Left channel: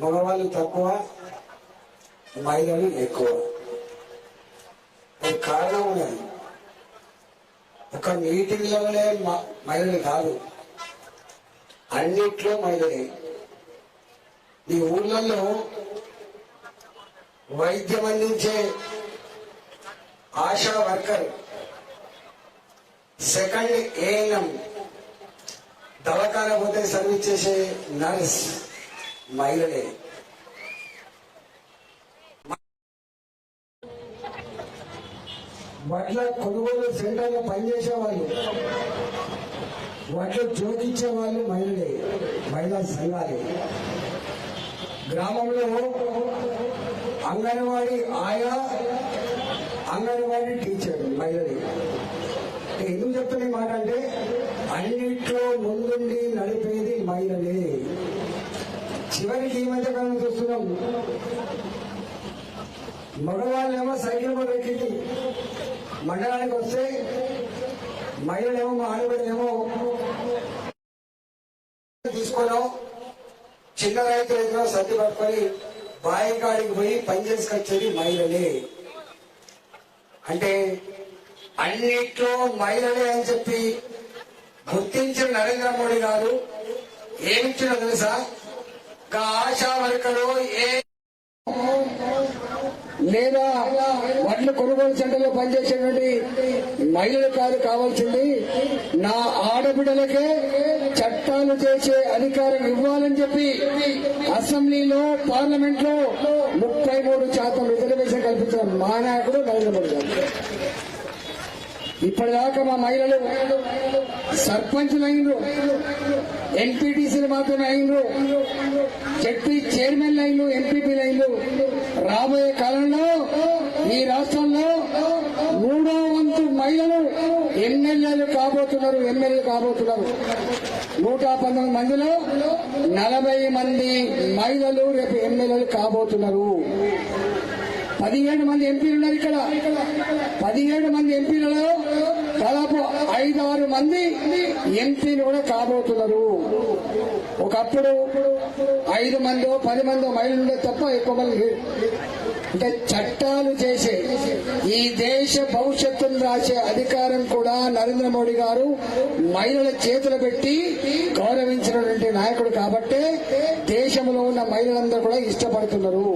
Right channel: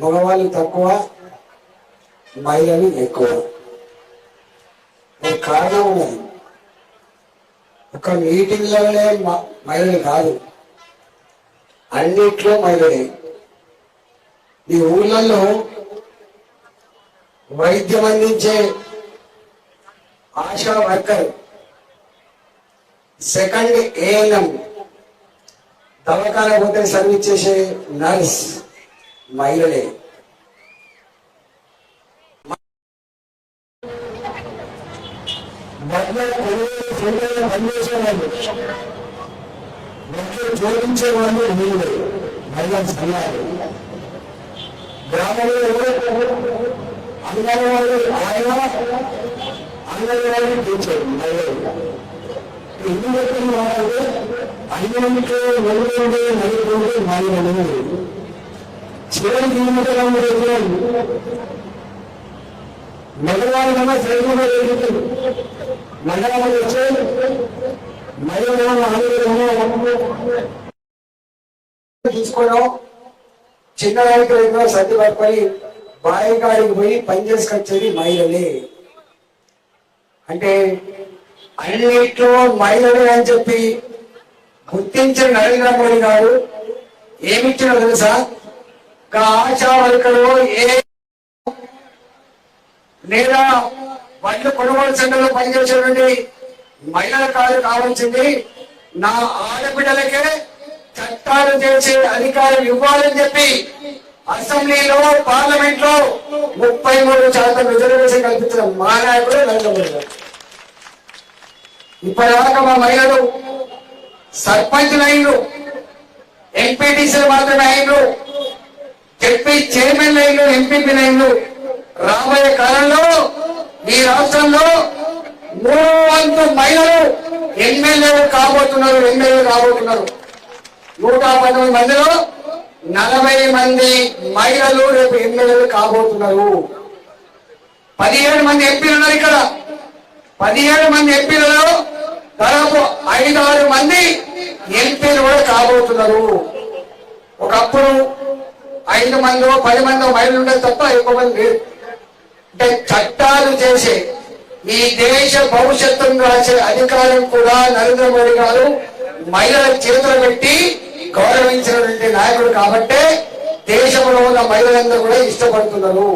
మగవాళ్ళు తక్కువ మహిళలు ఎక్కువ. కారణం ఉన్నది. ఒక మీటింగ్లోనే మహిళలు కాదు. అన్నిట్లో మహిళలే. ఈ ఊళ్ళల్లో వైద్యం అందించే ఆశా వర్కర్ సెకండ్ ఏఎన్ఎం దవాఖాన పోతే సర్వీస్ చేసే నర్స్ మహిళలే బట్టలు కొనుగోలు చేయడంలో పనిచేసే వాళ్ళు బట్టలు జోడించే వాళ్ళు. మహిళలే మహిళా సంఘాలు. గ్రామంలో అంగన్వాడీ ఆయన అంగన్వాడీ టీచర్ మహిళలు. ఎందుకు చెప్తున్నారంటే అన్నింటిలో వెలుగుండి నలుగుండి మహిళలు. చివరి జీవితం చెప్పారు మగవాళ్ళమో సైన్యంలో వెళ్ళి మండలంలో వచ్చి మహిళలను ఆందోళన తీసుకోవడం చిన్న రైతులు సర్ది పట్టుకొని బాయికాడికి పోయి పని చేసుకొచ్చేది మహిళలే. అంటే అన్నిట్లో మహిళలే అని చెప్పి గుర్తించిన నరేంద్ర మోడీ గారు ఏమిచ్చినా తెలుసా? ఆశా వర్కరు ఏ లేదా మహిళ కొనుగోలు సెంటర్లో పనిచేసేటువంటి మహిళల కాదు కావాలని చెప్పి నా ఆడబిడ్డలకే చట్టాలు చేసే అధికారం ఇవ్వాలని చెప్పి అసెంబ్లీలో పార్లమెంట్లో ముప్పై మూడు శాతం రిజర్వేషన్ కల్పించిన మా నాయకుడు నరేంద్ర మోడీ గారు. ఇప్పటిదాకా మా మహిళలు సర్పంచ్లు అయినరు ఎంపీటీసీలు మాత్రమే అయినరు. చైర్మన్ లైన్లు ఎంపీపీ లైన్లు రాబోయే కాలంలో ఈ రాష్ట్రంలో మూడు వంతు మహిళలు ఎమ్మెల్యేలు కాబోతున్నారు ఎమ్మెల్యేలు కాబోతున్నారు. నూట పంతొమ్మిది మందిలో నలభై మంది మహిళలు రేపు ఎమ్మెల్యేలు కాబోతున్నారు. పదిహేడు మంది ఎంపీలు ఉన్నారు ఇక్కడ. పదిహేడు మంది ఎంపీలలో దాదాపు ఐదారు మంది ఎంపీలు కూడా కాబోతున్నారు. ఒకప్పుడు ఐదు మందో పది మందో మహిళలు ఉండదు తప్ప ఎక్కువ మంది లేదు. అంటే చట్టాలు చేసే ఈ దేశ భవిష్యత్తును రాసే అధికారం కూడా నరేంద్ర మోడీ గారు మహిళల చేతులు పెట్టి గౌరవించినటువంటి నాయకుడు కాబట్టే దేశంలో ఉన్న మహిళలందరూ కూడా ఇష్టపడుతున్నారు.